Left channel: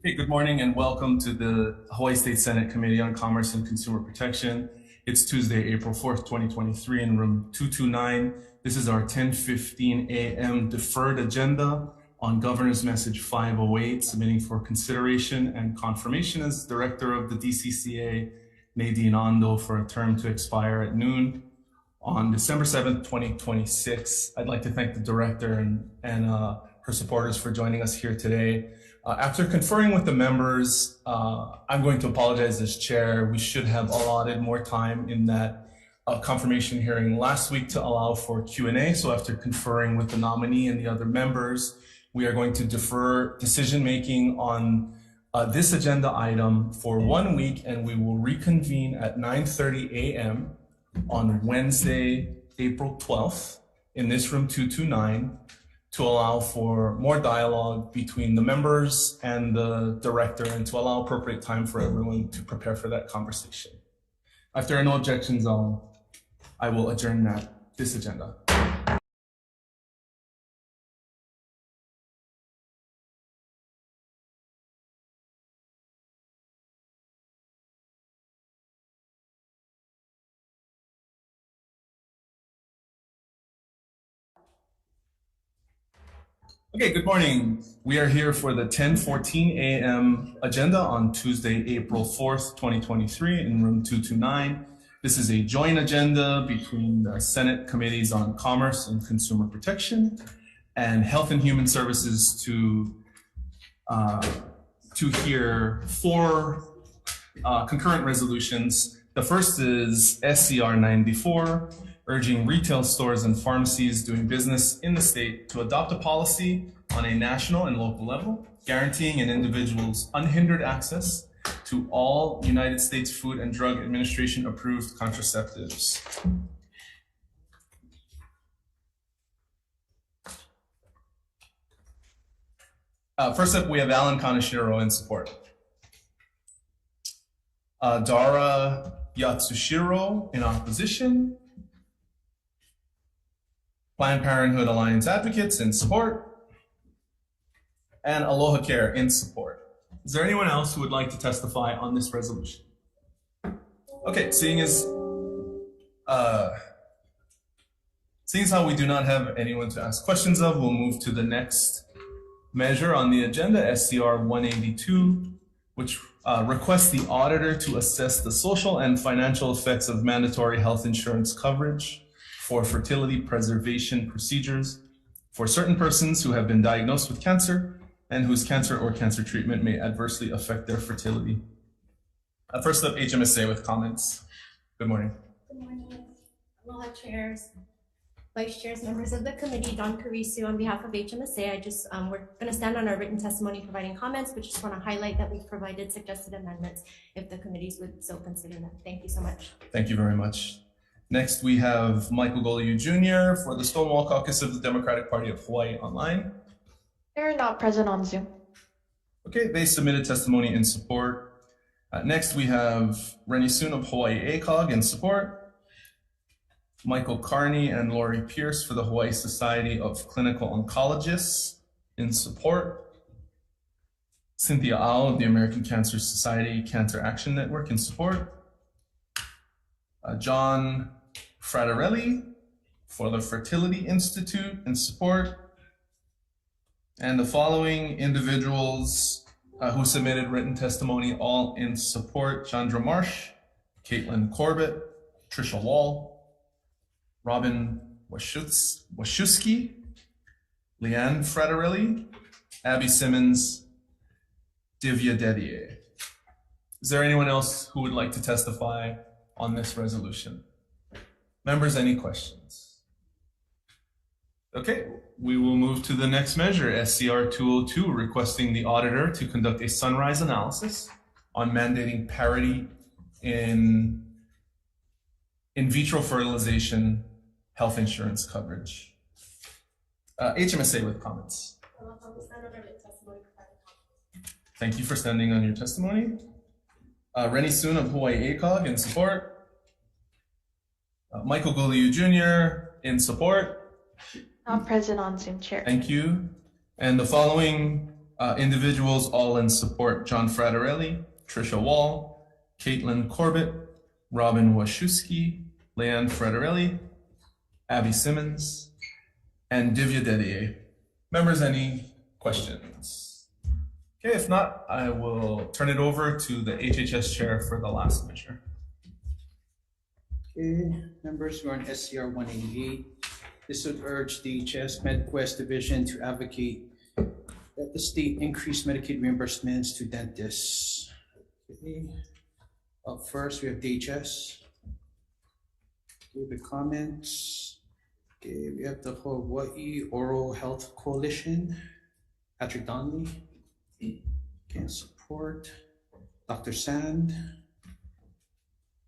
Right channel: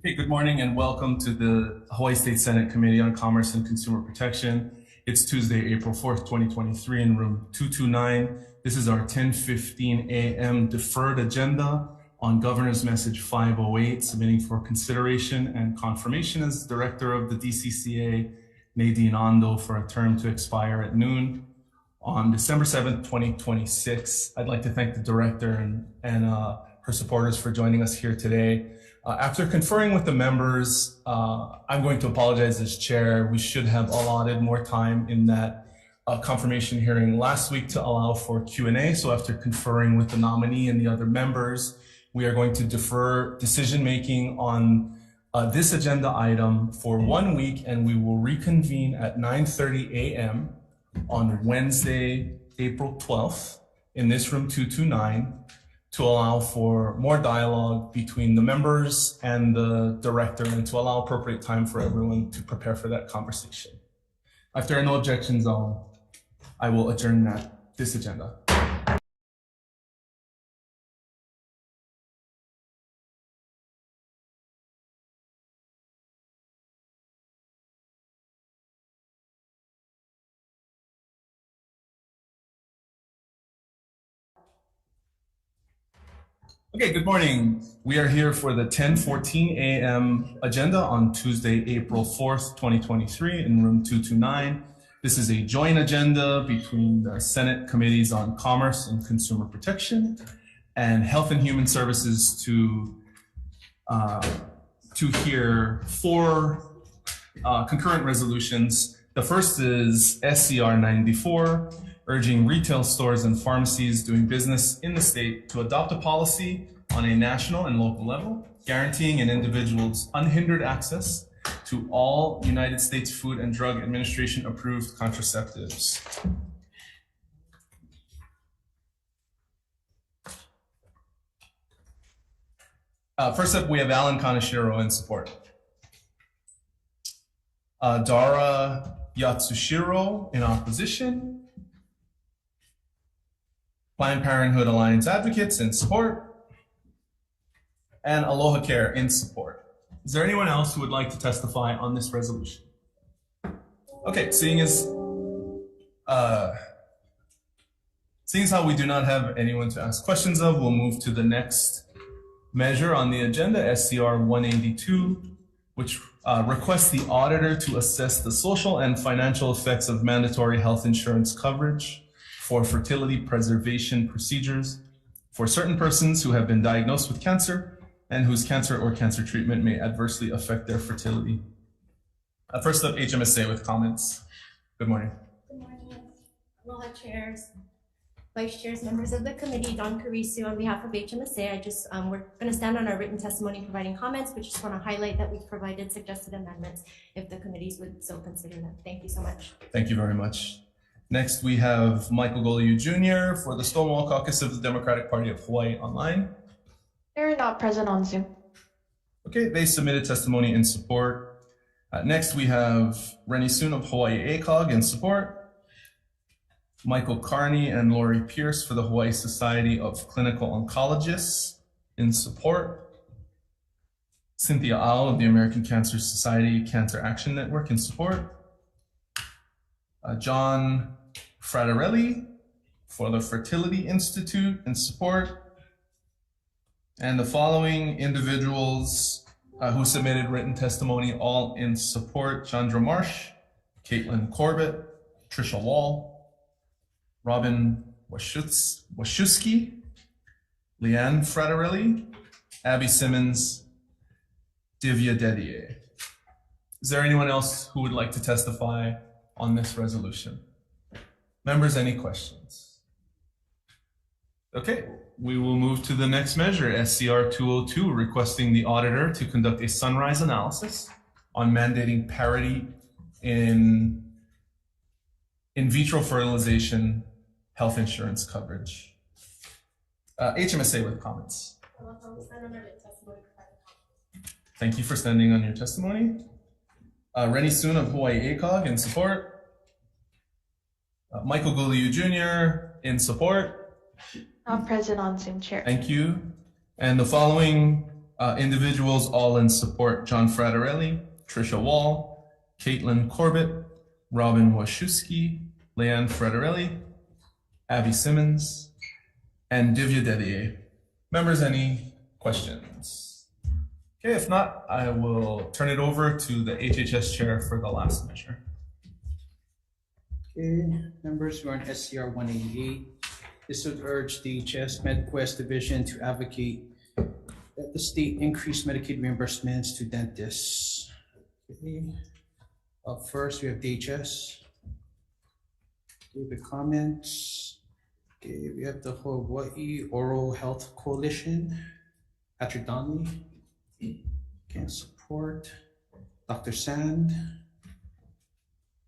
Okay, good morning and welcome to the Hawaii State Senate Committee on Commerce and Consumer Protection. It's Tuesday, April 4th, 2023 in room 229. This is our 10:15 a.m. deferred agenda on Governor's Message 508, submitting for consideration and confirmation as Director of the DCCA, Nadine Ando, for a term to expire at noon on December 7th, 2026. I'd like to thank the Director and her supporters for joining us here today. After conferring with the members, I'm going to apologize as chair. We should have allotted more time in that confirmation hearing last week to allow for Q&A. So after conferring with the nominee and the other members, we are going to defer decision-making on this agenda item for 1 week, and we will reconvene at 9:30 a.m. on Wednesday, April 12th in this room 229 to allow for more dialogue between the members and the director and to allow appropriate time for everyone to prepare for that conversation. If there are no objections, I will adjourn this agenda. Okay, good morning. We are here for the 10:14 a.m. agenda on Tuesday, April 4th, 2023 in room 229. This is a joint agenda between the Senate Committees on Commerce and Consumer Protection and Health and Human Services to hear four concurrent resolutions. The first is SCR 94, urging retail stores and pharmacies doing business in the state to adopt a policy on a national and local level, guaranteeing an individual's unhindered access to all United States Food and Drug Administration approved contraceptives. First up, we have Alan Kaneshiro in support. Dara Yatsushiro in opposition. Planned Parenthood Alliance Advocates in support, and Aloha Care in support. Is there anyone else who would like to testify on this resolution? Okay, seeing as how we do not have anyone to ask questions of, we'll move to the next measure on the agenda, SCR 182, which requests the auditor to assess the social and financial effects of mandatory health insurance coverage for fertility preservation procedures for certain persons who have been diagnosed with cancer and whose cancer or cancer treatment may adversely affect their fertility. First up, HMSA with comments. Good morning. Good morning. Aloha chairs, vice chairs, members of the committee, Don Karisu on behalf of HMSA. We're going to stand on our written testimony providing comments, but just want to highlight that we've provided suggested amendments if the committees would so consider them. Thank you so much. Thank you very much. Next, we have Michael Goliu Jr. for the Stonewall Caucus of the Democratic Party of Hawaii online. They're not present on Zoom. Okay, they submitted testimony in support. Next, we have Rennie Soon of Hawaii ACOG in support. Michael Carney and Lori Pierce for the Hawaii Society of Clinical Oncologists in support. Cynthia Au of the American Cancer Society Cancer Action Network in support. John Fratarelli for the Fertility Institute in support. And the following individuals who submitted written testimony, all in support: Chandra Marsh, Caitlin Corbett, Tricia Wall, Robin Waszewski, Leanne Fratarelli, Abby Simmons, Divya Dedier. Is there anyone else who would like to testify on this resolution? Members, any questions? Okay, we will move to the next measure, SCR 202, requesting the auditor to conduct a sunrise analysis on mandating parity in vitro fertilization health insurance coverage. HMSA with comments. Thank you for standing on your testimony. Rennie Soon of Hawaii ACOG in support. Michael Goliu Jr. in support. Not present on Zoom, Chair. Thank you. And the following Individuals all in support: John Fraterelli, Trisha Wall, Caitlin Corbett, Robin Wachowski, Leanne Fraterelli, Abby Simmons, and Divya Dedier. Members, any questions? Okay, if not, I will turn it over to the HHS chair for the last measure. Okay, members who are on SCR 188, this would urge the DHS MedQuest division to advocate that the state increase Medicaid reimbursements to dentists. Okay. Up first, we have DHS. Okay, the comments. Okay, we have the Hawai'i Oral Health Coalition. Patrick Donnelly. Can support. Dr. Sand.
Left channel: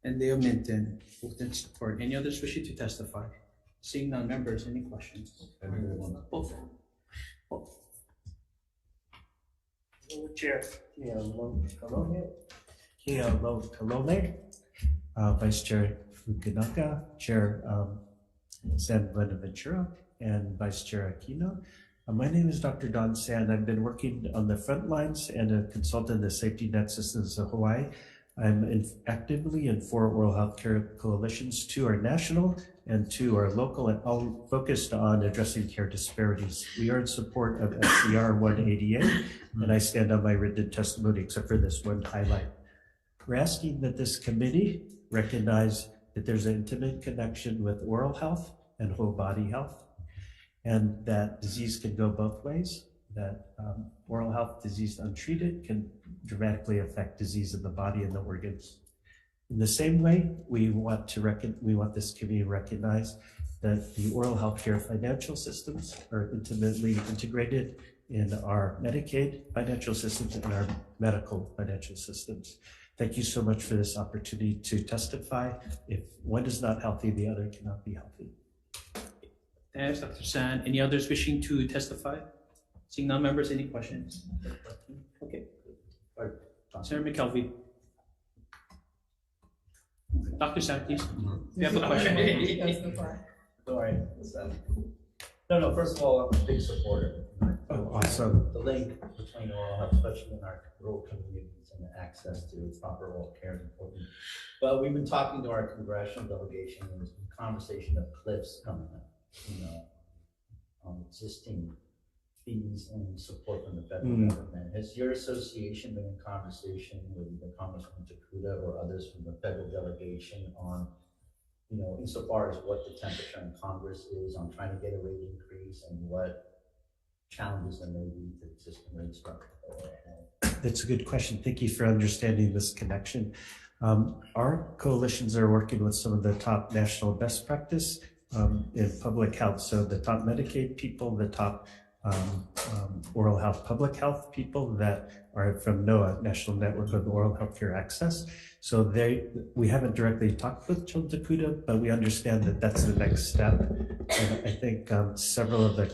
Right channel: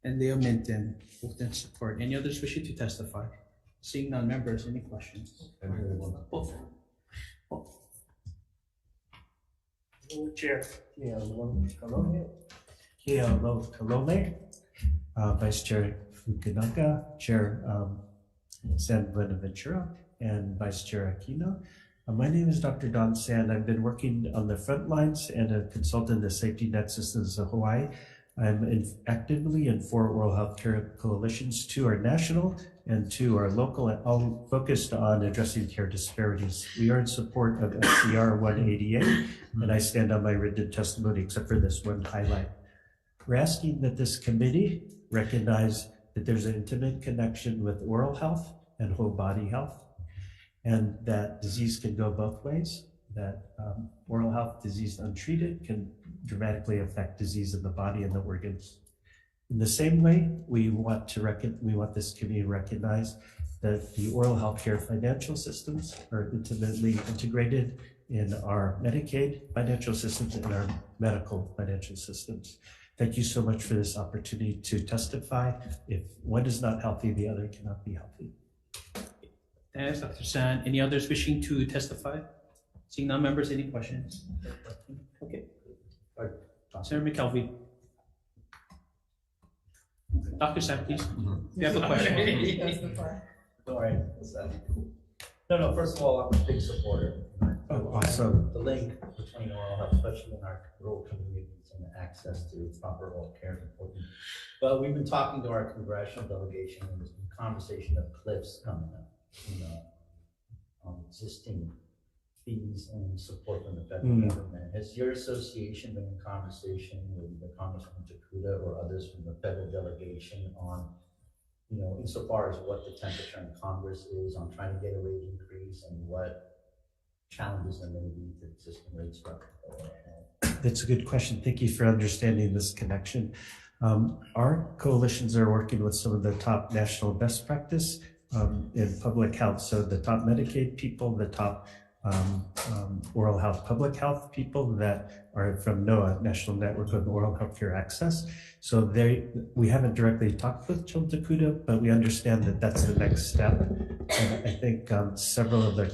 And Leo Minton, both in support. Any others wishing to testify? Seeing none, members, any questions? Both. Chair Kalome, Vice Chair Fukunaga, Chair San Buenaventura, and Vice Chair Aquino. My name is Dr. Don Sand. I've been working on the front lines and a consultant in the safety net systems of Hawaii. I'm actively in 4 oral healthcare coalitions. 2 are national and 2 are local, and all focused on addressing care disparities. We are in support of SCR 188, and I stand on my written testimony except for this one highlight. We're asking that this committee recognize that there's an intimate connection with oral health and whole body health, and that disease can go both ways, that oral health disease untreated can dramatically affect disease in the body and the organs. In the same way, we want this community to recognize that the oral health care financial systems are intimately integrated in our Medicaid financial systems and our medical financial systems. Thank you so much for this opportunity to testify. If one is not healthy, the other cannot be healthy. Thanks, Dr. San. Any others wishing to testify? Seeing none, members, any questions? Okay. Senator McKelvey. Dr. San, please. You have a question. Sorry. No, first of all, I'm a big supporter. Oh, awesome. The link between oral health, especially in our rural communities, and the access to proper oral care is important. But we've been talking to our congressional delegation, and there's been conversation of cliffs coming up, on existing fees and support from the federal government. Has your association been in conversation with the Congressman Takuda or others from the federal delegation on, insofar as what the temperature in Congress is on trying to get a rate increase and what challenges there may be to existing rate structure? That's a good question. Thank you for understanding this connection. Our coalitions are working with some of the top national best practice in public health. So the top Medicaid people, the top oral health public health people that are from NOAA, National Network of Oral Healthcare Access. So we haven't directly talked with Joe Takuda, but we understand that that's the next step. And I think several of the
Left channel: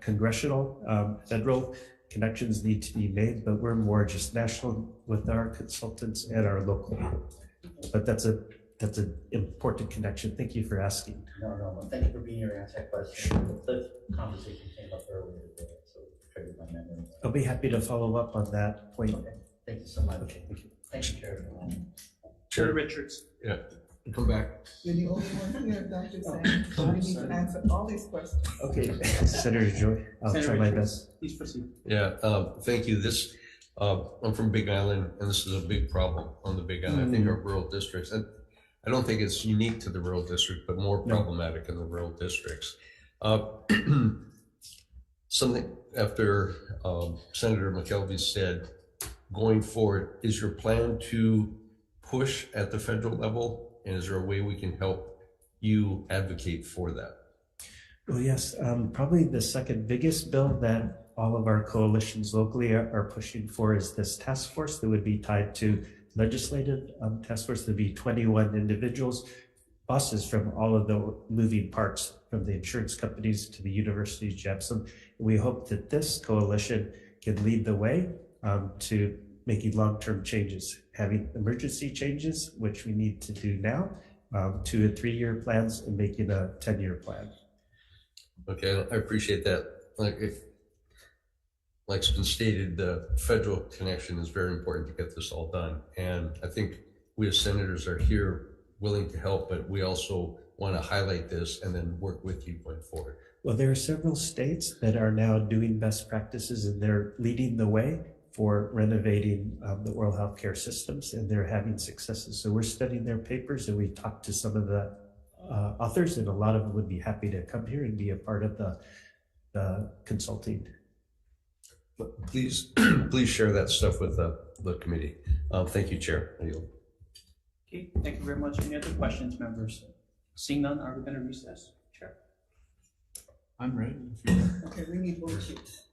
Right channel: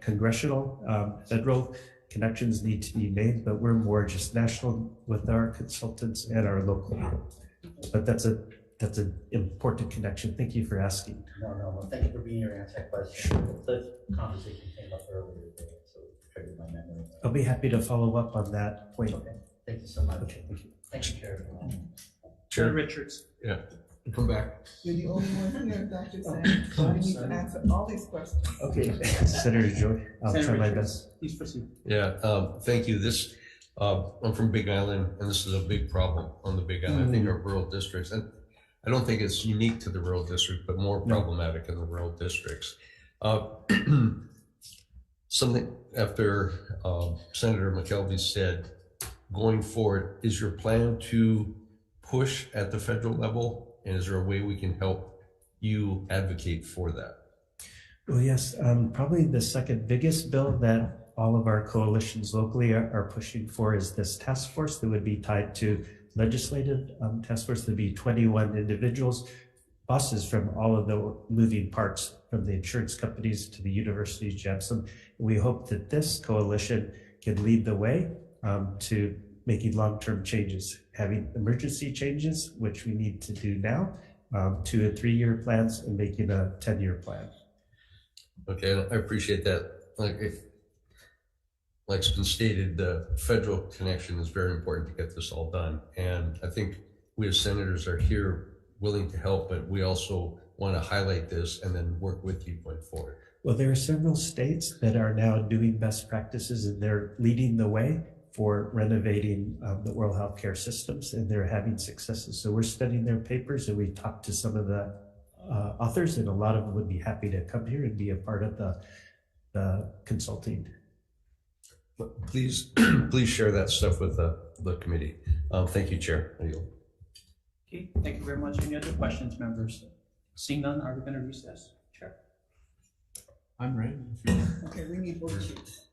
congressional federal connections need to be made, but we're more just national with our consultants and our local. But that's an important connection. Thank you for asking. No, thank you for being here to answer that question. The cliff conversation came up earlier today, so it triggered my memory. I'll be happy to follow up on that point. Okay, thank you so much. Okay, thank you. Thank you, Chair. Senator Richards. Yeah, come back. You're the only one here, Dr. Sang, so I need to answer all these questions. Okay, Senator Joy, I'll Senator try my Richards, best. please proceed. Yeah, thank you. I'm from Big Island, and this is a big problem on the Big Island. I think our rural districts, and I don't think it's unique to the rural district, but more problematic in the rural districts. Something after Senator McKelvey said, going forward, is your plan to push at the federal level, and is there a way we can help you advocate for that? Well, yes, probably the second biggest bill that all of our coalitions locally are pushing for is this task force that would be tied to legislative task force. There'd be 21 individuals, bosses from all of the moving parts, from the insurance companies to the universities, Jepson. We hope that this coalition can lead the way to making long-term changes, having emergency changes, which we need to do now, 2 and 3 year plans, and making a 10-year plan. Okay, I appreciate that. Like, like it's been stated, the federal connection is very important to get this all done. And I think we as senators are here willing to help, but we also want to highlight this and then work with you going forward. Well, there are several states that are now doing best practices, and they're leading the way for renovating the oral health care systems, and they're having successes. So we're studying their papers, and we talked to some of the authors, and a lot of them would be happy to come here and be a part of the consulting. But please, please share that stuff with the committee. Thank you, Chair. I yield. Okay, thank you very much. Any other questions, members? Seeing none, are we going to recess? Chair. I'm ready. If you are. Okay, we need board sheets.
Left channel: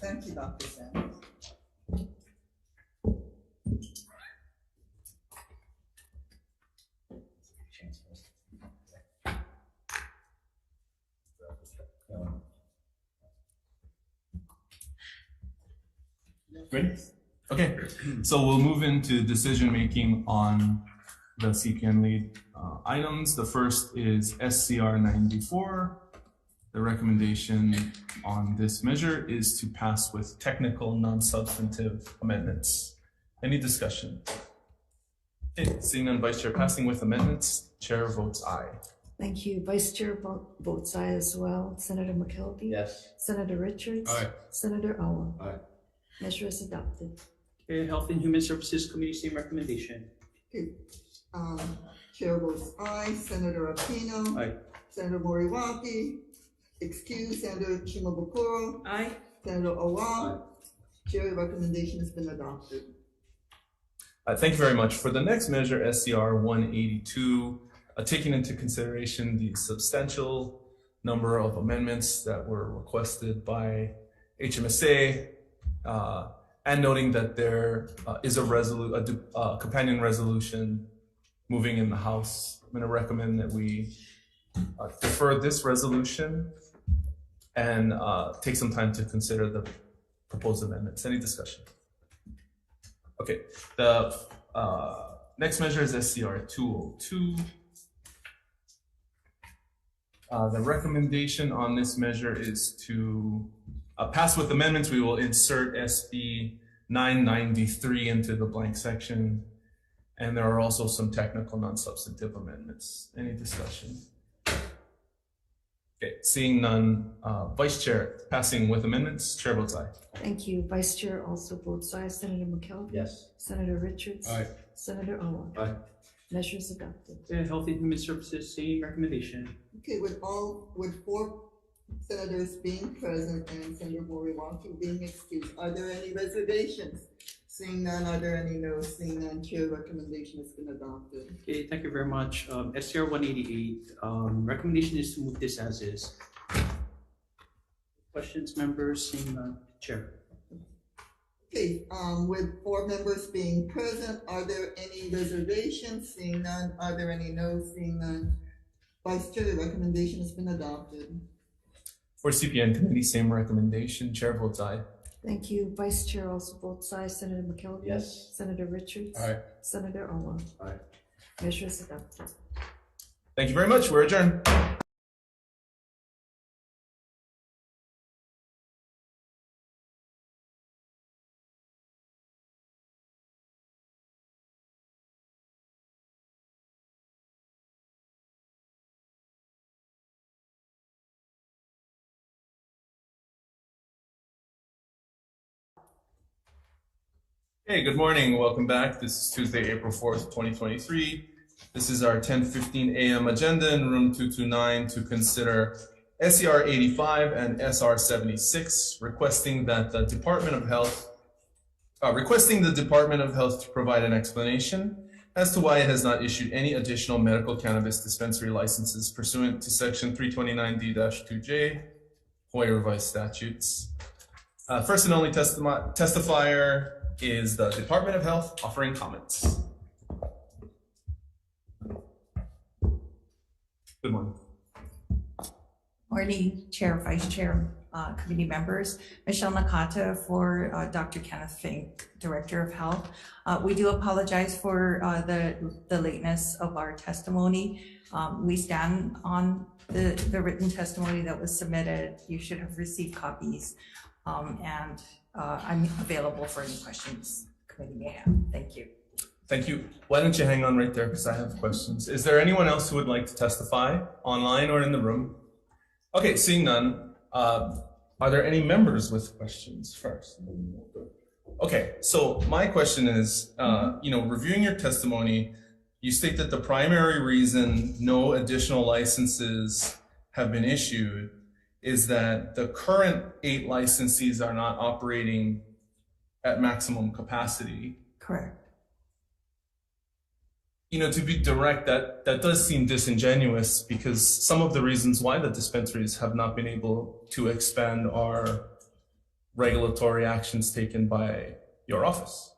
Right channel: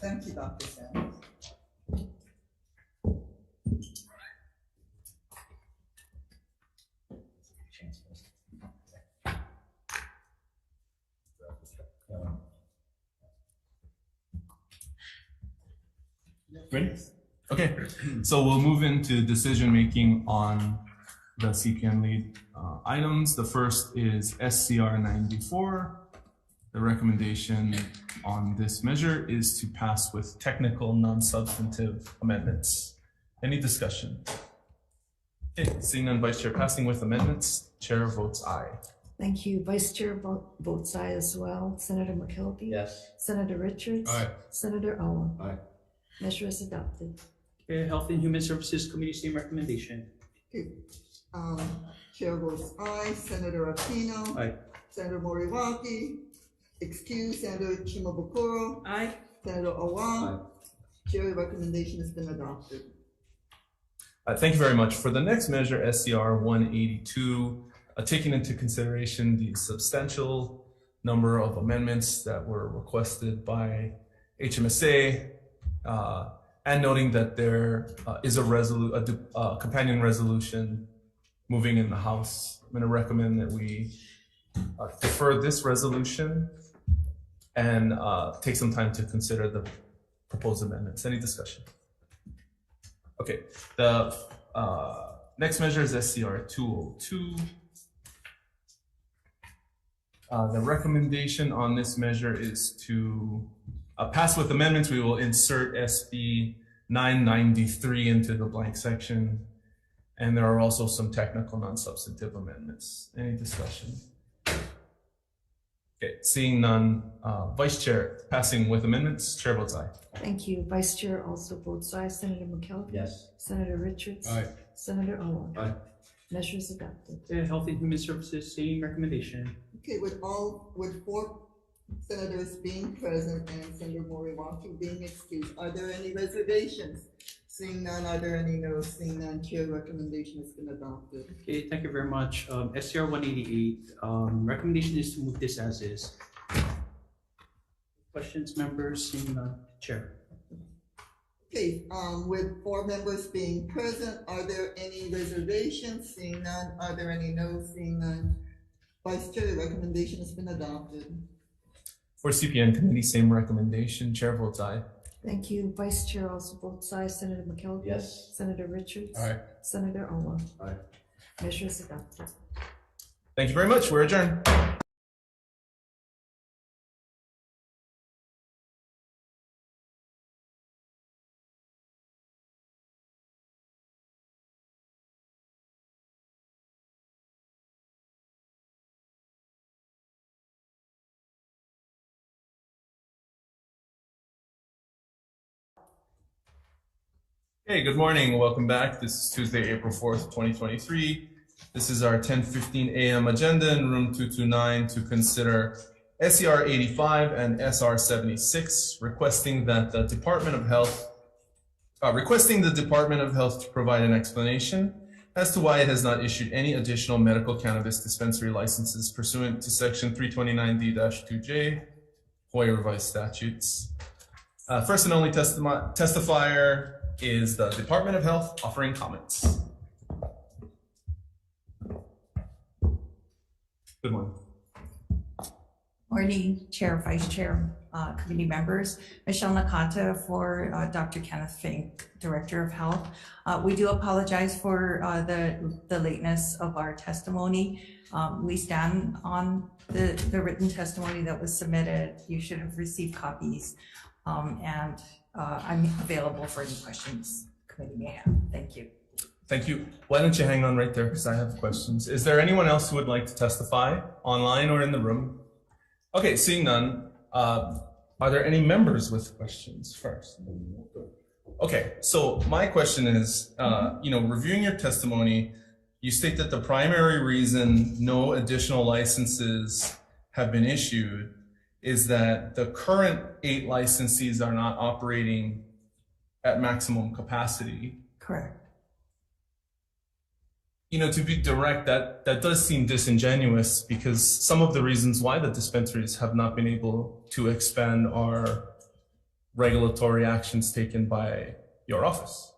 Thank you, Dr. Sanders. Ready? Okay, so we'll move into decision making on the CPN lead items. The first is SCR 94. The recommendation on this measure is to pass with technical, non-substantive amendments. Any discussion? Okay, seeing none, Vice Chair, passing with amendments, Chair votes aye. Thank you. Vice Chair votes aye as well. Senator McKelvey? Yes. Senator Richards? Aye. Senator Owen? Aye. Measure is adopted. Okay, Health and Human Services Committee, same recommendation. Okay, Chair votes aye. Senator Aquino. Aye. Senator Moriwaki. Excuse Senator Shimabukuro. Aye. Senator Owa. Chair, recommendation has been adopted. Thank you very much. For the next measure, SCR 182, taking into consideration the substantial number of amendments that were requested by HMSA, and noting that there is a companion resolution moving in the House, I'm going to recommend that we defer this resolution and take some time to consider the proposed amendments. Any discussion? Okay, the next measure is SCR 202. The recommendation on this measure is to pass with amendments. We will insert SB 993 into the blank section, and there are also some technical non-substantive amendments. Any discussion? Okay, seeing none, Vice Chair, passing with amendments, Chair votes aye. Thank you. Vice Chair also votes aye. Senator McKelvey? Yes. Senator Richards? Aye. Senator Owen? Aye. Measure is adopted. Okay, Health and Human Services, same recommendation. Okay, with four senators being present and Senator Moriwaki being excused, are there any reservations? Seeing none, are there any no's? Seeing none, Chair, recommendation has been adopted. Okay, thank you very much. SCR 188, recommendation is to move this as is. Questions, members? Seeing none, Chair. Okay, with four members being present, are there any reservations? Seeing none, are there any no's? Seeing none, Vice Chair, recommendation has been adopted. For CPN committee, same recommendation, Chair votes aye. Thank you. Vice Chair also votes aye. Senator McKelvey? Yes. Senator Richards? Aye. Senator Owen? Aye. Measure is adopted. Thank you very much. We're adjourned. Hey, good morning. Welcome back. This is Tuesday, April 4th, 2023. This is our 10:15 a.m. agenda in room 229 to consider SCR 85 and SR 76, requesting the Department of Health to provide an explanation as to why it has not issued any additional medical cannabis dispensary licenses pursuant to Section 329D-2J, Hawaii Revised Statutes. First and only testifier is the Department of Health offering comments. Good morning. Morning, Chair, Vice Chair, committee members. Michelle Nakata for Dr. Kenneth Fink, Director of Health. We do apologize for the lateness of our testimony. We stand on the written testimony that was submitted. You should have received copies. And I'm available for any questions the committee may have. Thank you. Thank you. Why don't you hang on right there because I have questions. Is there anyone else who would like to testify online or in the room? Okay, seeing none. Are there any members with questions first? Okay, so my question is, reviewing your testimony, you state that the primary reason no additional licenses have been issued is that the current 8 licensees are not operating at maximum capacity. Correct. To be direct, that does seem disingenuous because some of the reasons why the dispensaries have not been able to expand are regulatory actions taken by your office.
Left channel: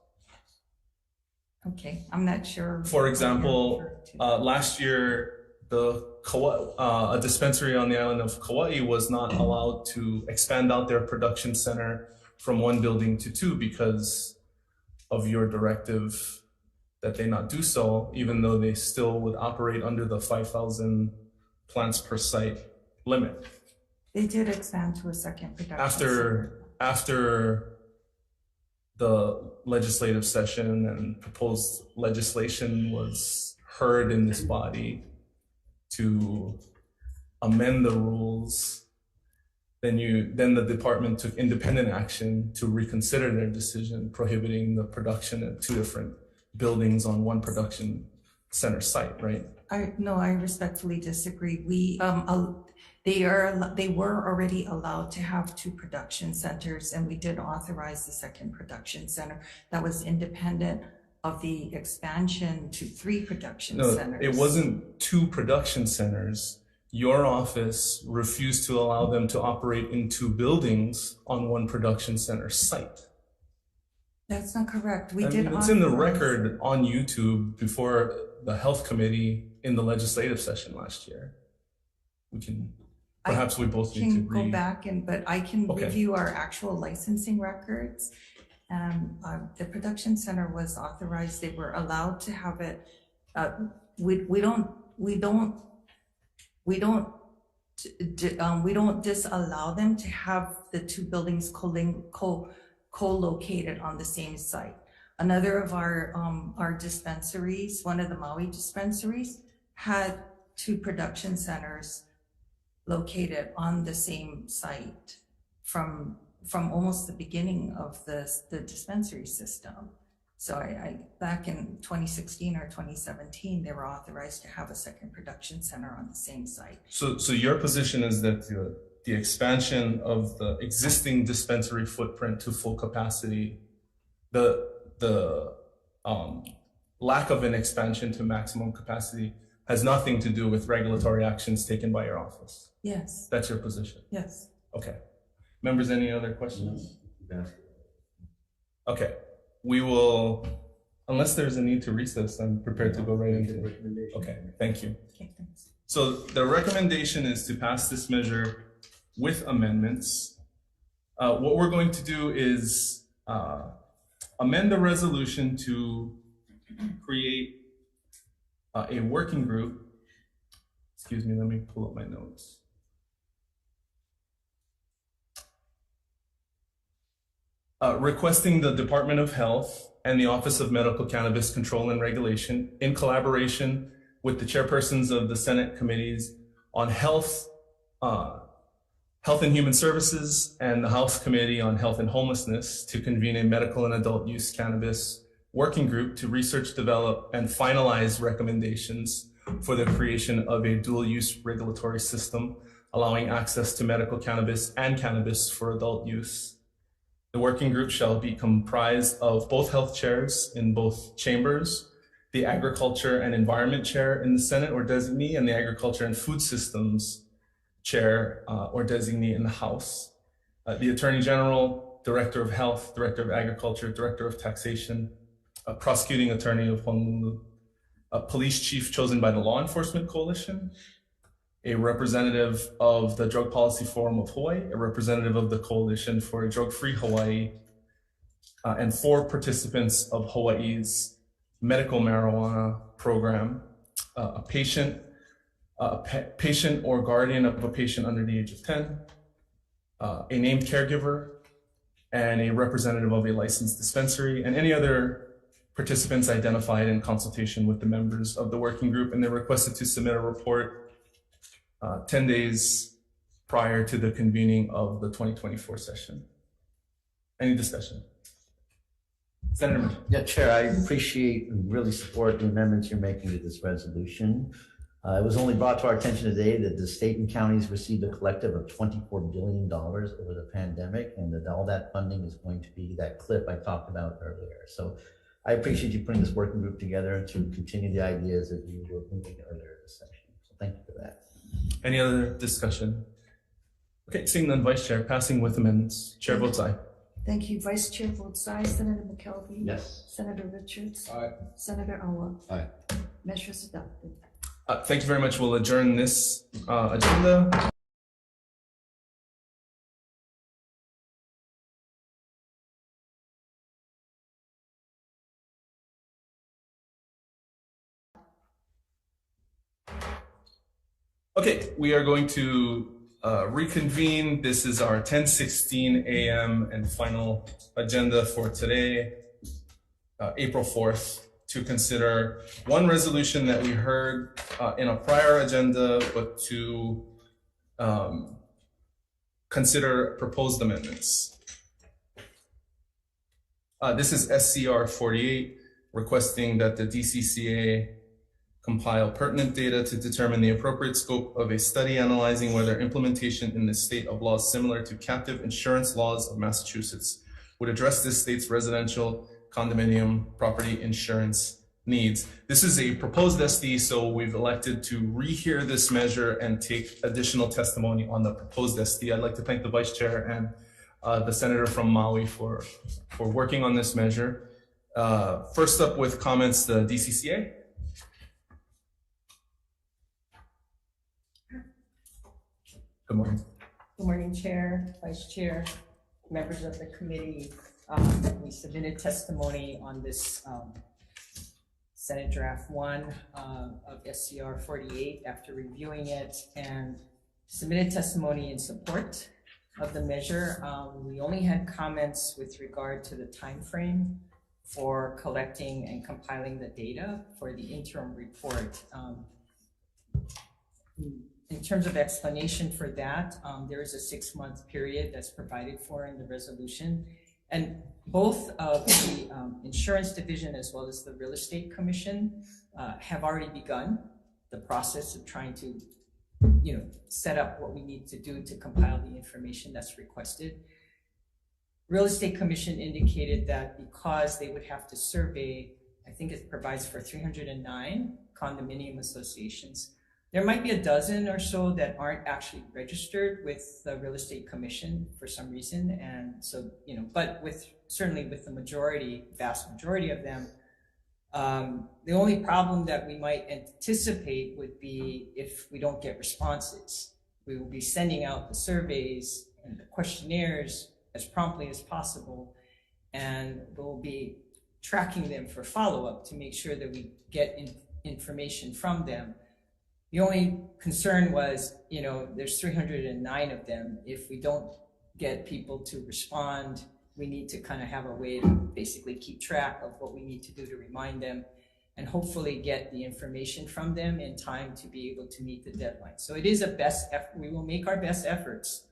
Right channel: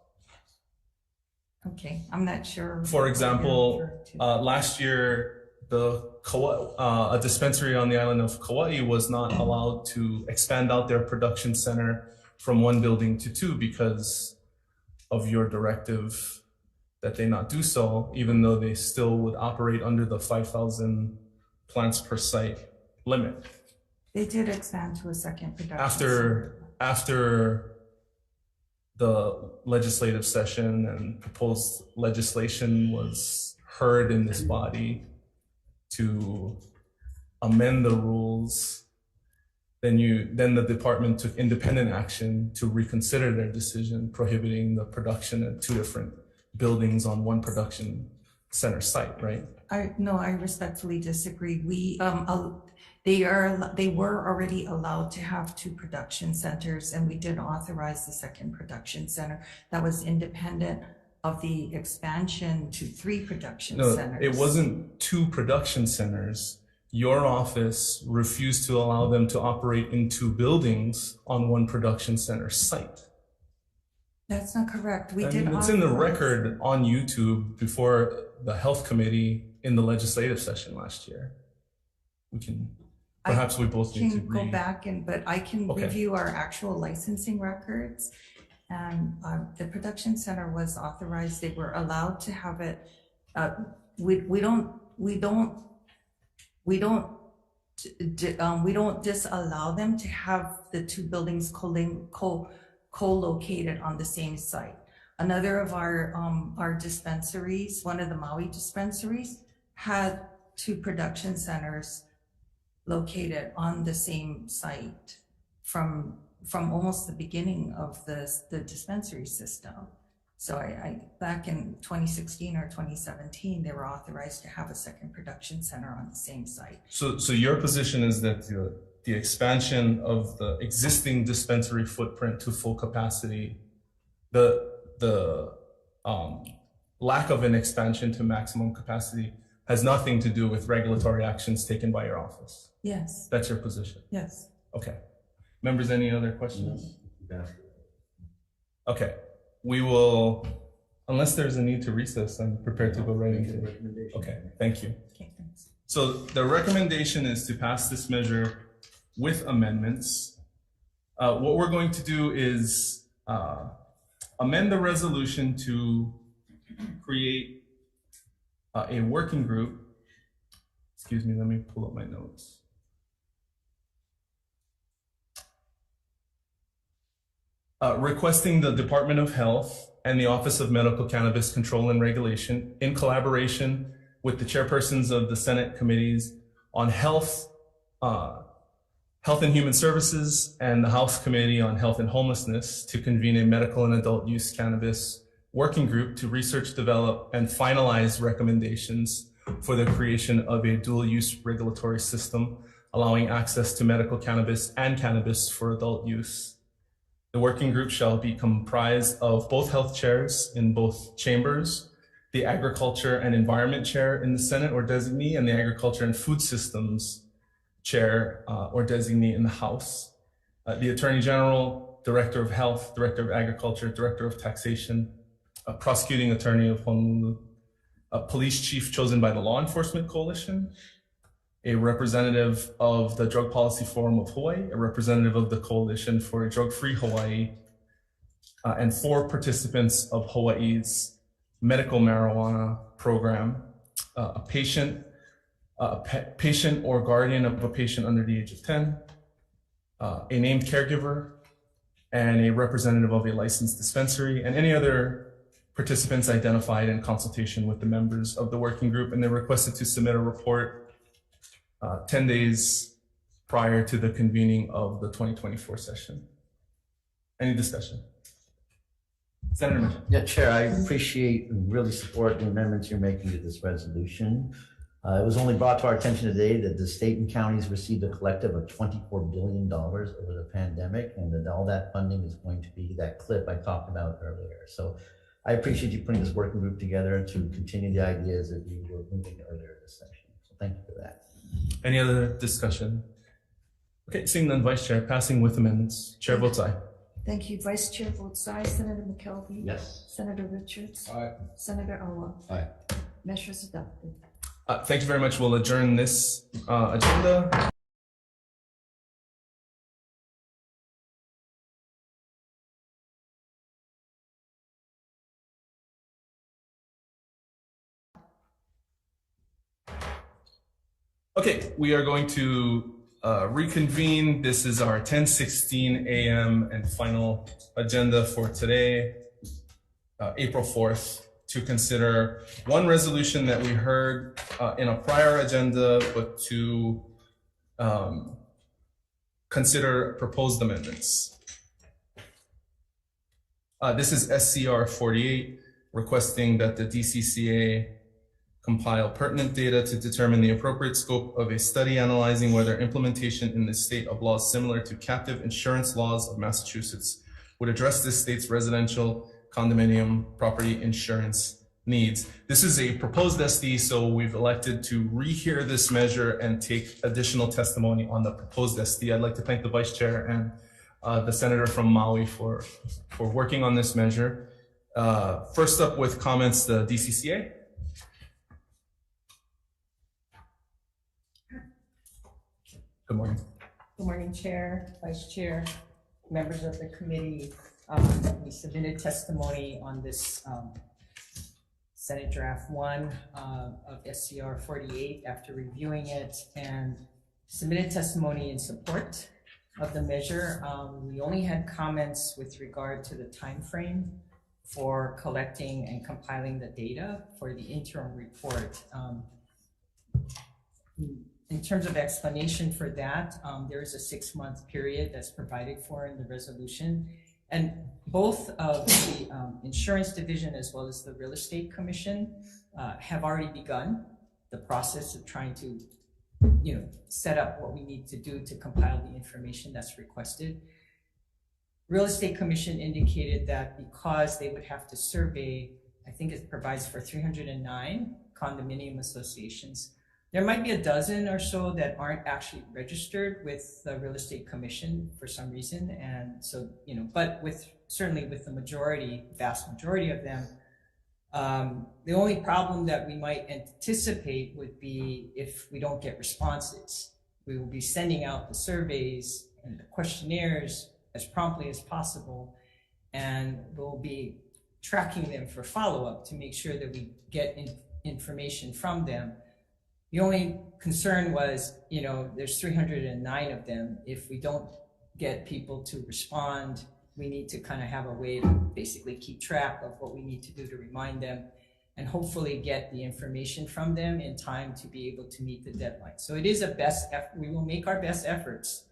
Okay, I'm not sure. For example, last year, a dispensary on the island of Kauai was not allowed to expand out their production center from 1 building to 2 because of your directive that they not do so, even though they still would operate under the 5,000 plants per site limit. They did expand to a second production After the legislative session and proposed legislation was heard in this body to amend the rules, then the department took independent action to reconsider their decision prohibiting the production at 2 different buildings on 1 production center site, right? I respectfully disagree. They were already allowed to have 2 production centers, and we did authorize the second production center that was independent of the expansion to 3 production centers. It wasn't 2 production centers. Your office refused to allow them to operate in 2 buildings on 1 production center site. That's not correct. It's in the record on YouTube before the health committee in the legislative session last year. Perhaps we both need to go back but I can review our actual licensing records. And the production center was authorized. They were allowed to have it. We don't disallow them to have the 2 buildings co-located on the same site. Another of our dispensaries, one of the Maui dispensaries, had 2 production centers located on the same site from almost the beginning of the dispensary system. So I back in 2016 or 2017, they were authorized to have a second production center on the same site. So your position is that the expansion of the existing dispensary footprint to full capacity, the lack of an expansion to maximum capacity has nothing to do with regulatory actions taken by your office? Yes. That's your position? Yes. Okay. Members, any other questions? No. Okay. We will, unless there's a need to recess, I'm prepared to go right into it. Okay, thank you. Okay, thanks. So the recommendation is to pass this measure with amendments. What we're going to do is amend the resolution to create a working group. Excuse me, let me pull up my notes. Requesting the Department of Health and the Office of Medical Cannabis Control and Regulation, in collaboration with the chairpersons of the Senate committees on Health and Human Services and the House Committee on Health and Homelessness, to convene a medical and adult use cannabis working group to research, develop, and finalize recommendations for the creation of a dual-use regulatory system allowing access to medical cannabis and cannabis for adult use. The working group shall be comprised of both health chairs in both chambers, the Agriculture and Environment chair in the Senate or designee, and the Agriculture and Food Systems chair or designee in the House. The Attorney General, Director of Health, Director of Agriculture, Director of Taxation, Prosecuting Attorney of Honolulu, a police chief chosen by the Law Enforcement Coalition, a representative of the Drug Policy Forum of Hawaii, a representative of the Coalition for a Drug-Free Hawaii, and 4 participants of Hawaii's medical marijuana program, a patient, patient or guardian of a patient under the age of 10, a named caregiver, and a representative of a licensed dispensary, and any other participants identified in consultation with the members of the working group. And they're requested to submit a report 10 days prior to the convening of the 2024 session. Any discussion? Senator Mitchell. Yeah, Chair, I appreciate and really support the amendments you're making to this resolution. It was only brought to our attention today that the state and counties received a collective of $24 billion over the pandemic, and that all that funding is going to be that clip I talked about earlier. So I appreciate you putting this working group together to continue the ideas that you were moving earlier in this session. So thank you for that. Any other discussion? Okay, seeing none, Vice Chair, passing with amendments. Chair votes aye. Thank you. Vice Chair votes aye. Senator McKelvey? Yes. Senator Richards? Aye. Senator Awa? Aye. Measures adopted. Thank you very much. We'll adjourn this agenda. Okay, we are going to reconvene. This is our 10:16 a.m. and final agenda for today, April 4th, to consider one resolution that we heard in a prior agenda, but to consider proposed amendments. This is SCR 48, requesting that the DCCA compile pertinent data to determine the appropriate scope of a study analyzing whether implementation in the state of laws similar to captive insurance laws of Massachusetts would address this state's residential condominium property insurance needs. This is a proposed SD, so we've elected to rehear this measure and take additional testimony on the proposed SD. I'd like to thank the Vice Chair and the Senator from Maui for working on this measure. First up with comments, the DCCA. Good morning. Good morning, Chair, Vice Chair, members of the committee. We submitted testimony on this Senate Draft 1 of SCR 48 after reviewing it, and submitted testimony in support of the measure. We only had comments with regard to the time frame for collecting and compiling the data for the interim report. In terms of explanation for that, there is a 6-month period that's provided for in the resolution. And both of the Insurance Division as well as the Real Estate Commission have already begun the process of trying to, set up what we need to do to compile the information that's requested. Real Estate Commission indicated that because they would have to survey, I think it provides for 309 condominium associations. There might be a dozen or so that aren't actually registered with the Real Estate Commission for some reason. And so, but certainly with the vast majority of them, the only problem that we might anticipate would be if we don't get responses. We will be sending out the surveys and the questionnaires as promptly as possible, and we'll be tracking them for follow-up to make sure that we get information from them. The only concern was, there's 309 of them. If we don't get people to respond, we need to kind of have a way to basically keep track of what we need to do to remind them and hopefully get the information from them in time to be able to meet the deadline. So it is a best effort. We will make our best efforts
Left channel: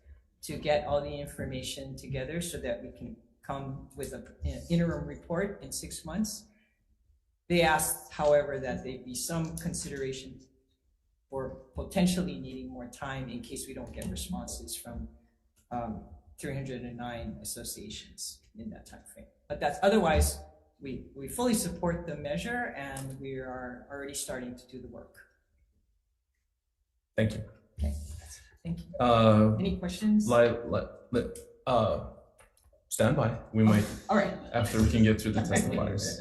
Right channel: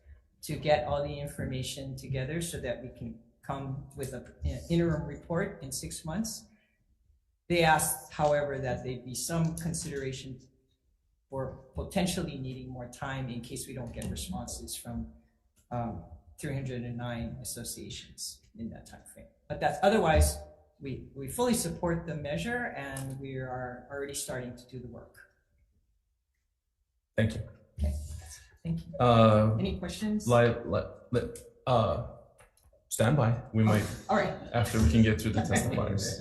to get all the information together so that we can come with an interim report in 6 months. They asked, however, that there be some consideration for potentially needing more time in case we don't get responses from 309 associations in that time frame. But that's otherwise, we fully support the measure and we are already starting to do the work. Thank you. Okay, thank you. Any questions? Stand by. We might, all right, after we can get through the testifiers.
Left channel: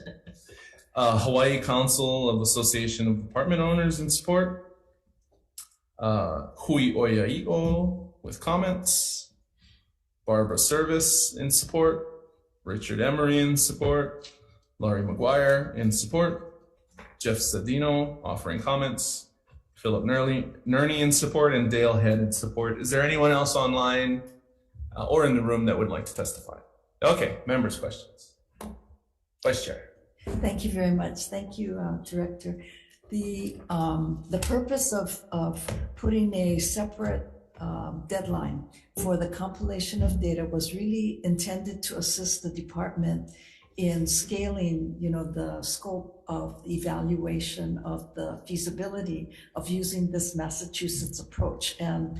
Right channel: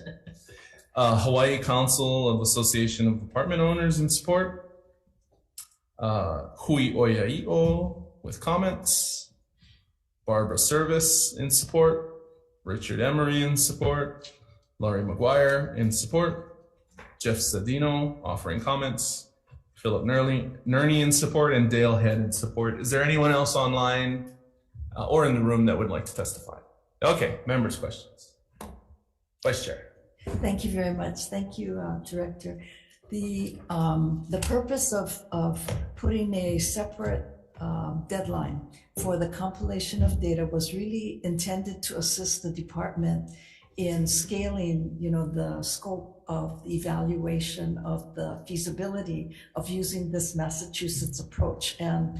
Hawaii Council of Association of Apartment Owners in support. Hui Oia'io with comments. Barbara Service in support. Richard Emery in support. Laurie McGuire in support. Jeff Sedino offering comments. Philip Nerney in support, and Dale Head in support. Is there anyone else online or in the room that would like to testify? Okay, members' questions. Vice Chair. Thank you very much. Thank you, Director. The purpose of putting a separate deadline for the compilation of data was really intended to assist the department in scaling, the scope of evaluation of the feasibility of using this Massachusetts approach. And,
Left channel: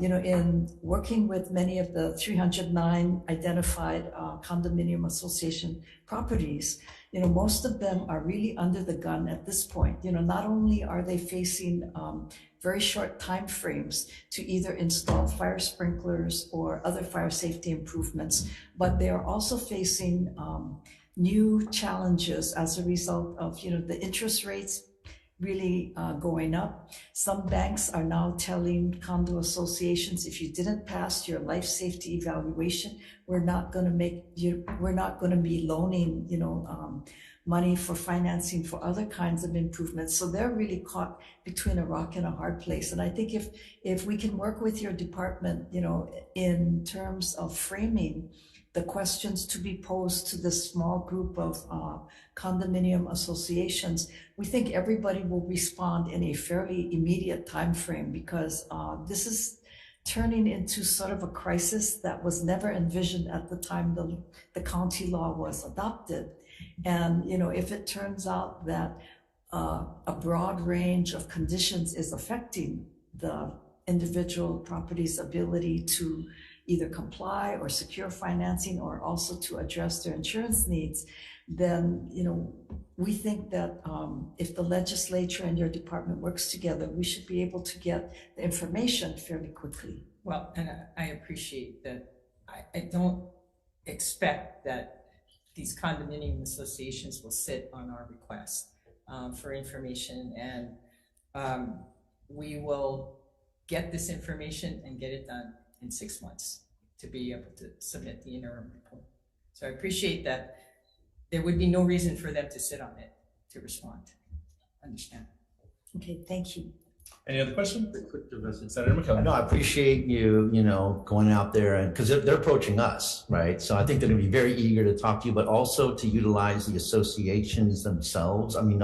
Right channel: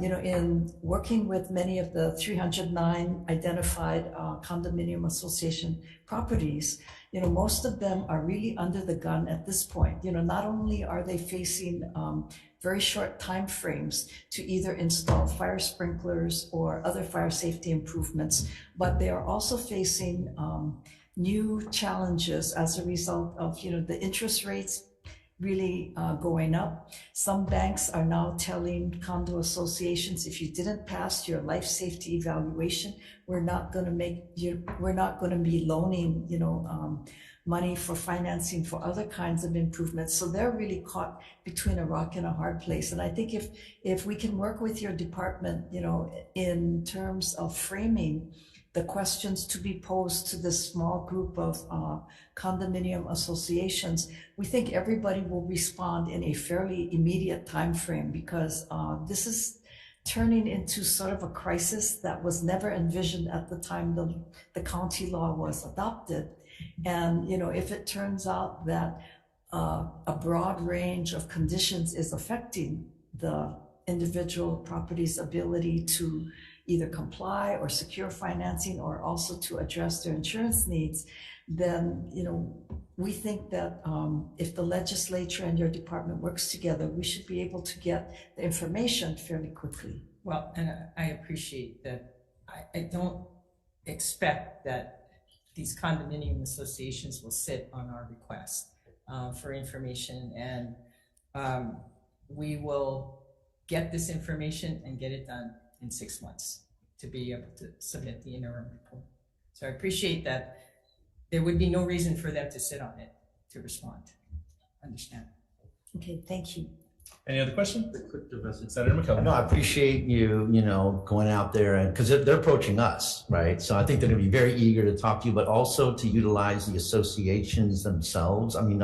in working with many of the 309 identified condominium association properties, most of them are really under the gun at this point. Not only are they facing very short time frames to either install fire sprinklers or other fire safety improvements, but they are also facing new challenges as a result of the interest rates really going up. Some banks are now telling condo associations, if you didn't pass your life safety evaluation, we're not going to be loaning money for financing for other kinds of improvements. So they're really caught between a rock and a hard place. And I think if we can work with your department, in terms of framing the questions to be posed to this small group of condominium associations, we think everybody will respond in a fairly immediate time frame, because this is turning into sort of a crisis that was never envisioned at the time the county law was adopted. And if it turns out that a broad range of conditions is affecting the individual property's ability to either comply or secure financing, or also to address their insurance needs, then we think that if the legislature and your department works together, we should be able to get the information fairly quickly. Well, and I appreciate that. I don't expect that these condominium associations will sit on our request for information, and we will get this information and get it done in 6 months to be able to submit the interim report. So I appreciate that. There would be no reason for them to sit on it to respond. Understand? Okay, thank you. Any other questions? Senator McKelvey. No, I appreciate you, going out there, and because they're approaching us, right? So I think they're going to be very eager to talk to you, but also to utilize the associations themselves. I mean,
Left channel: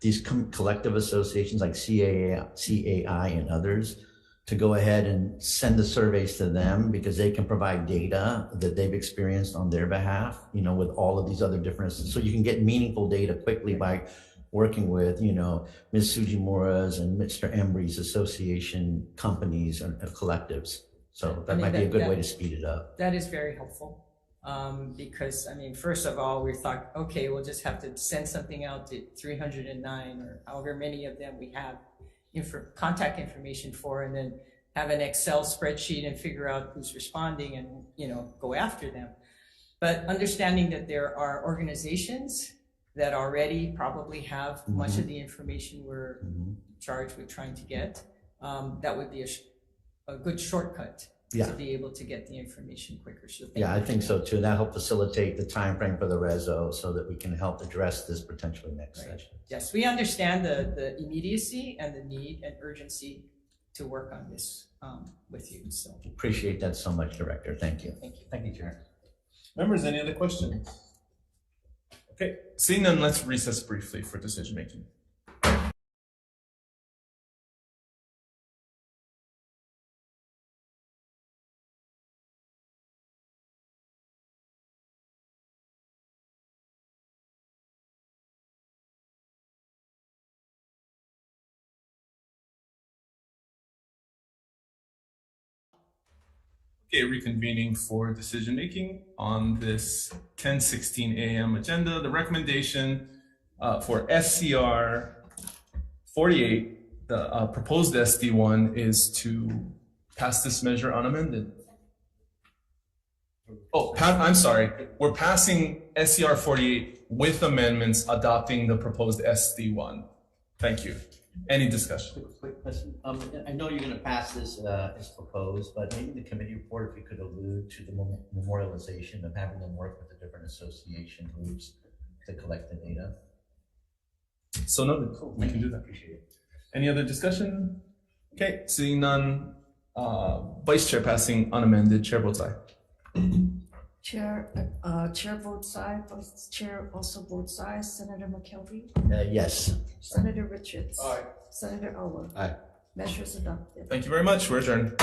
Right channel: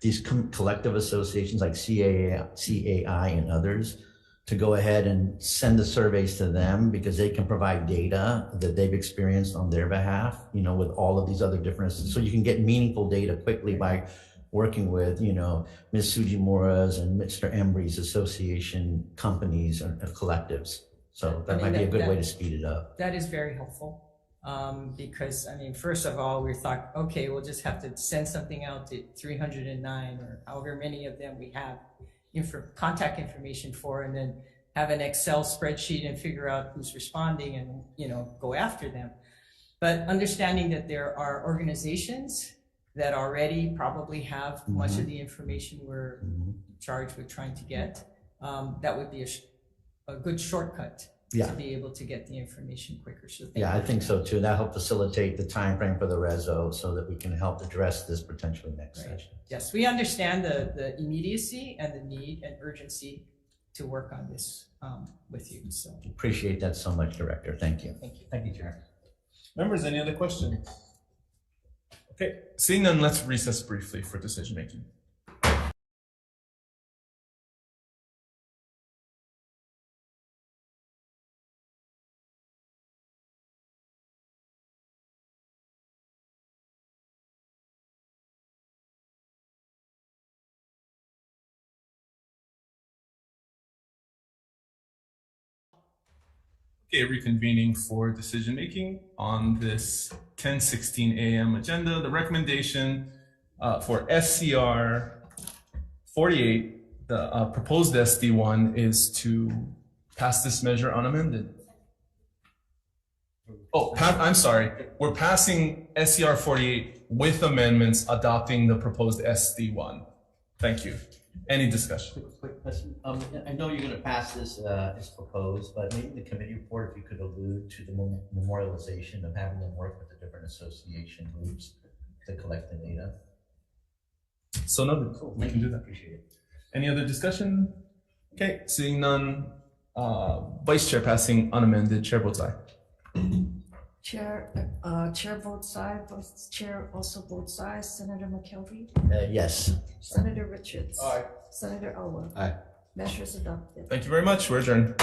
these collective associations like CAI and others, to go ahead and send the surveys to them, because they can provide data that they've experienced on their behalf, with all of these other different, so you can get meaningful data quickly by working with, Ms. Sujimura's and Mr. Embry's association companies and collectives. So that might be a good way to speed it up. That is very helpful, because, first of all, we thought, okay, we'll just have to send something out to 309 or however many of them we have contact information for, and then have an Excel spreadsheet and figure out who's responding and, go after them. But understanding that there are organizations that already probably have much of the information we're charged with trying to get, that would be a good shortcut to be able to get the information quicker. So I think so too. That'll help facilitate the time frame for the reso, so that we can help address this potentially next session. Yes, we understand the immediacy and the need and urgency to work on this with you. So appreciate that so much, Director. Thank you. Thank you. Thank you, Chair. Members, any other questions? Okay, seeing none, let's recess briefly for decision making. Okay, reconvening for decision making on this 10:16 a.m. agenda. The recommendation for SCR 48, the proposed SD1, is to pass this measure unamended. Oh, I'm sorry. We're passing SCR 48 with amendments, adopting the proposed SD1. Thank you. Any discussion? Quick question. I know you're going to pass this as proposed, but maybe in the committee report, if you could allude to the memorialization of having them work with the different association groups to collect the data. So noted. Cool. We can do that. Appreciate it. Any other discussion? Okay, seeing none. Vice Chair passing unamended. Chair votes aye. Chair votes aye, Vice Chair also votes aye. Senator McKelvey, Yes. Senator Richards. Aye. Senator Elwood. Aye. Measures adopted. Thank you very much. We're adjourned.